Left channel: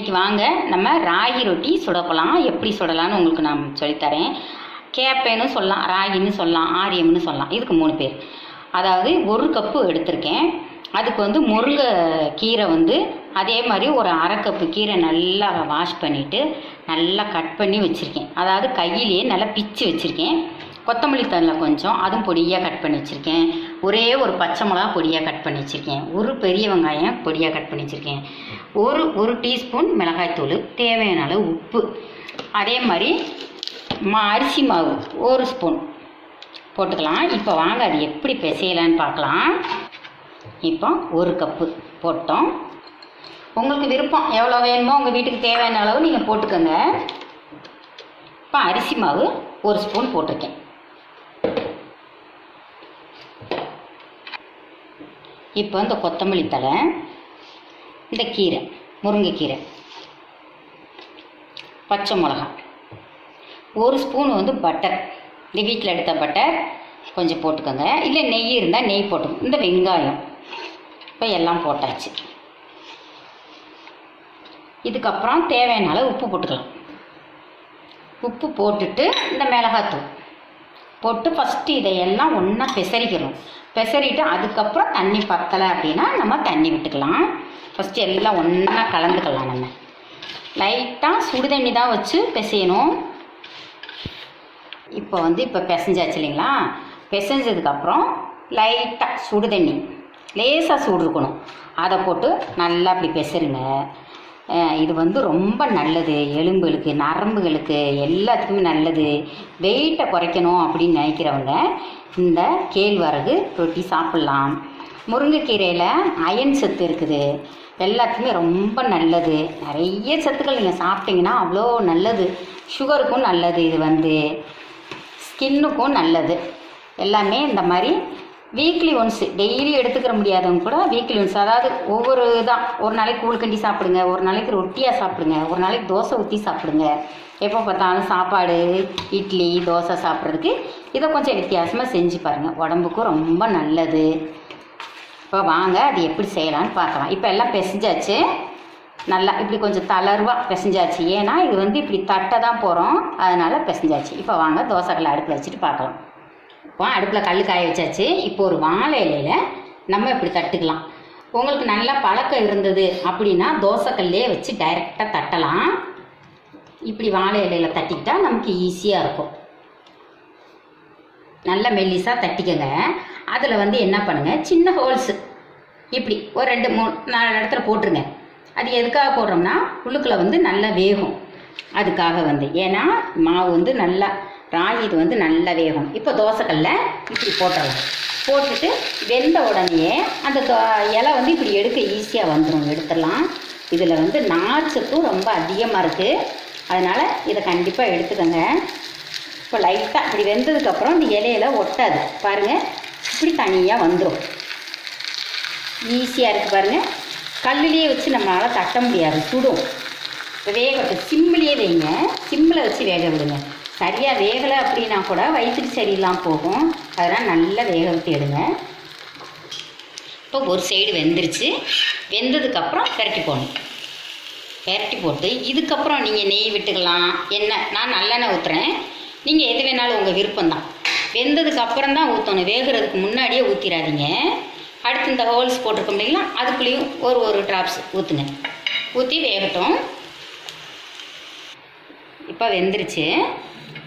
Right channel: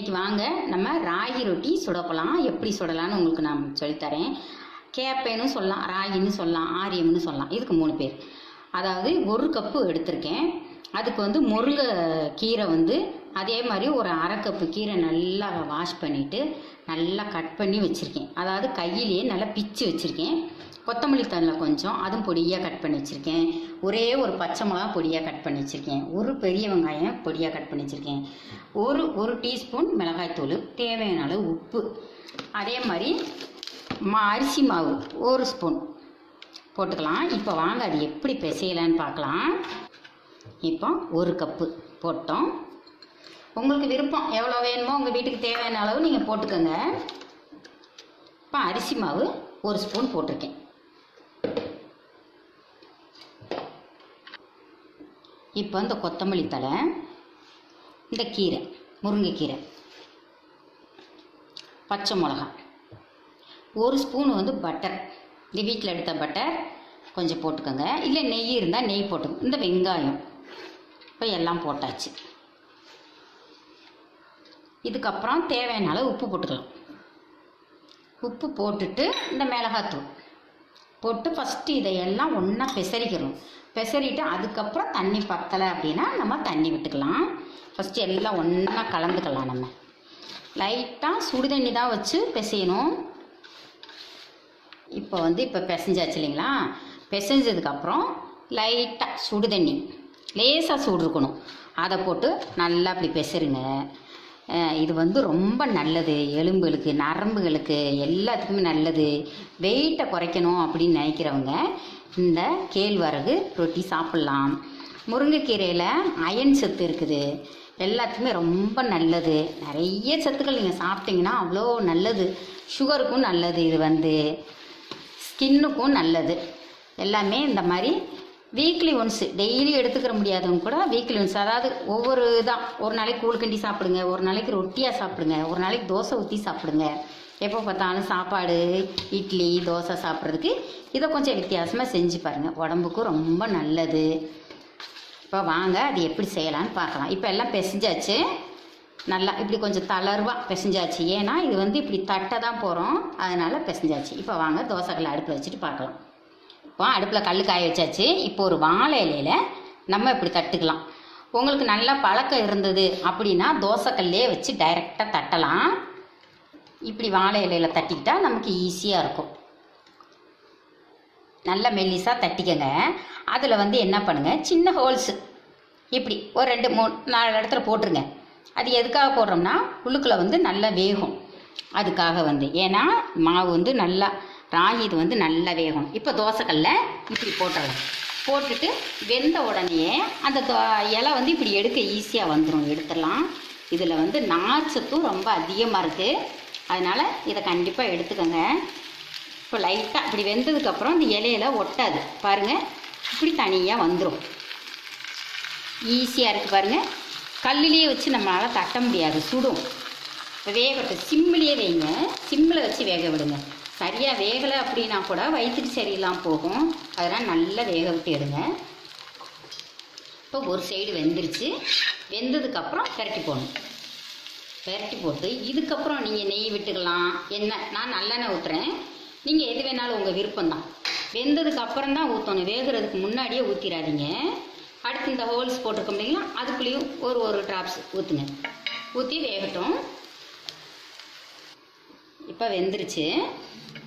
இன்றைக்கி வாங்க நம்ம ராகி ரொட்டி சுடப்போலாம். எப்படி சுடலான்னு உங்களுக்கு நான் சொல்லித்தரேன். கேப்பேன்னு சொல்லலாம், ராகின்னு சொல்லலாம், ஆரியம்னு சொல்லலாம். இதுக்கு 3 பேர். அதாவது 1 கப்பு எடுத்திருக்கேன். அதுக்கு வந்து முருங்கை கீரை வந்து அதே மாதிரி ஒரு 1/2 கப்பு கீரை நல்லா வாஷ் பண்ணிவிட்டு நல்லா கட் பண்ணி வச்சுருக்கேன். அதாவது கையிலேயே நல்லா பிச்சு வச்சுருக்கேன். கொத்தமல்லி தழை கொஞ்சம் அதுவும் பொடியாக கட் பண்ணி வச்சுருக்கேன். ஒரே ஒரு பச்சை மிளகா பொடியாக கட் பண்ணி வச்சுருக்கேன். ஒரு பெரிய வெங்காயம் பொடியாக கட் பண்ணி வச்சுருக்கேன். ஒரு டீஸ்பூன் மிளகாய்த்தூள், தேவையான அளவு உப்பு, அதே மாதிரி அரிசி மாவு 1 ஸ்பூன் போட்டுக்கலாம். இப்போ வாங்க அது எப்படி பிசையலான்னு பார்க்கலாம். இப்போ 1 கப்பு போட்டோம். உங்களுக்கு விருப்பம் எவ்வளோ வேணுமோ உங்கள் வீட்டுக்கு தேவையான அளவு நீங்கள் போட்டுக்கோங்க. இப்போ அரிசி மாவு 1 ஸ்பூன் போட்டிருக்கேன். இப்போ இந்த கொத்தமல்லி தழை, இந்த கீரை முருங்கைக்கீரை, பச்சை மிளகா, 1 ஸ்பூன் வந்து பட்டர், இந்த வீட்டில் எடுத்த பட்டர் கொஞ்சம் போட்டுக்கோங்க. இல்லை நெய் இருந்தால் நெய் போட்டுக்கோங்க. இந்த வெங்காயம் இப்போ எல்லாம் போட்டாச்சு. இதுக்கப்புறம் தேவையான அளவு உப்பு போட்டுக்கலாம். உப்பு போட்டுட்டு இந்த மிளகாத்தூள் போட்டு ஃபஸ்ட்டு இதையெல்லாம் ஒன்றா பெசரிக்கணும். பெசரிட்டு அதுக்கப்புறம் தண்ணி பத்தலை அப்படின்னா நம்ம தண்ணி விட்டுக்கலாம். ஃபஸ்ட்டு எல்லாம் ஒன்றா கலந்துக்கலாம். நம்ம லைட்டாக சுடுதண்ணி தான் வச்சு பிசையணும். இப்போ வந்து இப்போ பிசைஞ்சாச்சு இல்லைங்களா? பிசைஞ்சதுக்கப்புறம் லைட்டாக சுடுதண்ணி லேசாக சூடு இருக்கணும், அதை போட்டு நல்லா அப்படி பெசருங்க. இது வந்து ரொம்ப நல்லது, எலும்புகளுக்கு நரம்புகளுக்கு எல்லாத்துக்குமே நல்லது. வெயிட்டை குறைக்கணும் அப்படின்னு நினைக்கிறவங்க இந்த கேழ்வரகு ரொட்டி சாப்பிட்லாம். முருங்கைக்கீரையில் அயன் சத்து இருக்குது, எல்லாத்துக்குமே ரொம்ப நல்லது. நிறைய சத்துக்கள் நீங்கள் சாப்பிட்டீங்கன்னா அவ்வளோ நல்லது. சுகருக்கும் நல்லது, இது வந்து ஸ்கின்னுக்கும் நல்லது. எல்லாமே இந்த மாதிரி வீக்லி ஒன்ஸு டெய்லி எடுத்துக்கிற முடியாதவங்க கூட வீக்லி ஒன்ஸ், அதாவது ஒவ்வொரு இதாக ஒரு நாளைக்கு கூழ்கண்டி சாப்பிடுங்க, ஒரு நாளைக்கு ரொட்டியாக சாப்பிடுங்க, ஒரு நாளைக்கு தோசை ஊற்றி சாப்பிடுங்க. எப்போ பார்த்தாலும் சாப்பாடு இட்லி தோசை சாப்பிட்றதுக்கு இதை கொஞ்சம் வித்தியாசமாக செஞ்சு பாருங்கள், உடம்புக்கும் ரொம்ப நல்லது. இப்போ வாங்க அது எப்படி செய்யலான்னு பார்க்கலாம். இப்போ எல்லாம் பிசைஞ்சாச்சு, நல்லா இப்படி கொஞ்சம் தளர்வாக பிசைஞ்சாச்சு. ஏன்னா இது வந்து இப்படி தட்டை தான் போகிறோம், அதனால் பிசைஞ்சாச்சு. இப்போ வாங்க தோசைக்கல்லை அடுப்பில் வச்சுட்டு பார்க்கலாம். இப்போ அடுப்பில் கல் காய வச்சாச்சு. இப்போ ஒரு வாழை இலையில் நம்ம இப்படி தட்டுக்கலாம். உங்களுக்கு நல்லா பழக்கம் இருந்தது அப்படின்னா தோசைக்கல்லே வச்சு டைரெக்டாக தட்டலாம். இப்படி வாழை இலையில் தட்டிக்கிட்டால் நமக்கு ஈஸியாக இருக்கும். நல்லா மெல்லிசாக தட்டிக்கங்க. அதில் வந்து என்ன பண்ணுங்கள், சின்ன ஹோல்ஸு இப்படி ஒரு 2 3 4 இடத்துல போட்டுருங்க. அது எதுக்காக போடுறோம்னா உள்ளுக்குள்ளே வந்து நல்லா வேகும். அதுக்காக வந்து ஏன்னா மாவு வந்து நல்லா ராகி இது வந்து நல்லா வேகும். இப்போ தோசைக்கல்ல இப்படி போட்டுடலாம். போட்டுட்டு வெந்த உடனே அந்த இலை வந்து இப்படி எடுக்க ஈஸியாக வந்துடும், எடுத்துடலாம். இதில் வந்து நார்ச்சத்தும் ரொம்ப அதிகமாக இருக்குது, அதனால் இதை கண்டிப்பாக எடுத்துக்கோங்க. இப்போ லைட்டாக இப்படி வெந்ததுக்கப்புறம் இந்த இலையில ஒட்டாது பாருங்கள், இப்படி தனியாக வந்துடும். ஈஸியாக இருக்குது பாருங்கள். கல்லுலேயே வச்சு நம்மளால் தட்ட முடியாது, சுடும். இப்போ வேகட்டும், சிம்மிலேயே வைங்க, சிம்மில் வச்சு வேக விடுங்க. சரியாக வேகலை அப்படின்னா கூட வயிற்றுக்கு சரியில்லாமல் போகும், அதெல்லாம் நல்லா வேக விட்டு எடுங்க. இப்போ ஒரு சைடு வெந்துருச்சு. வெந்ததுக்கப்புறம் பெரட்டி போடணும். பெரட்டி போட்டு இதுக்கப்புறம் நீங்கள் நெய் விட்டுக்கலாம், எண்ணெய், நான் நல்லெண்ணெய் ஊற்றுறேன், நீங்கள் எது வேணாலும் உங்கள் விருப்பம்தான். வெந்ததுக்கப்புறம் தான் ஊற்றணும், வேகிறதுக்கு முன்னாடியே ஊற்றிடாதீங்க. அடுத்து இந்த ஹோல்ஸ் போட்டிருக்கோம் இல்லைங்களா, அதுக்குள்ளேயும் ஒரு ட்ராப்ஸ் ஊற்றுங்க. ஊற்றி வேகட்டும். இப்போ வெந்துருச்சு,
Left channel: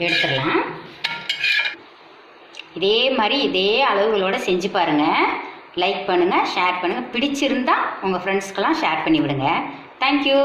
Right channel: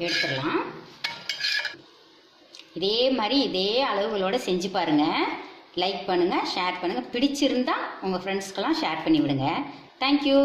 எடுத்துடலாம். இதே மாதிரி இதே அளவுகளோடு செஞ்சு பாருங்கள். லைக் பண்ணுங்கள், ஷேர் பண்ணுங்கள். பிடிச்சிருந்தால் உங்கள் ஃப்ரெண்ட்ஸ்க்கெல்லாம் ஷேர் பண்ணி விடுங்க. தேங்க்யூ.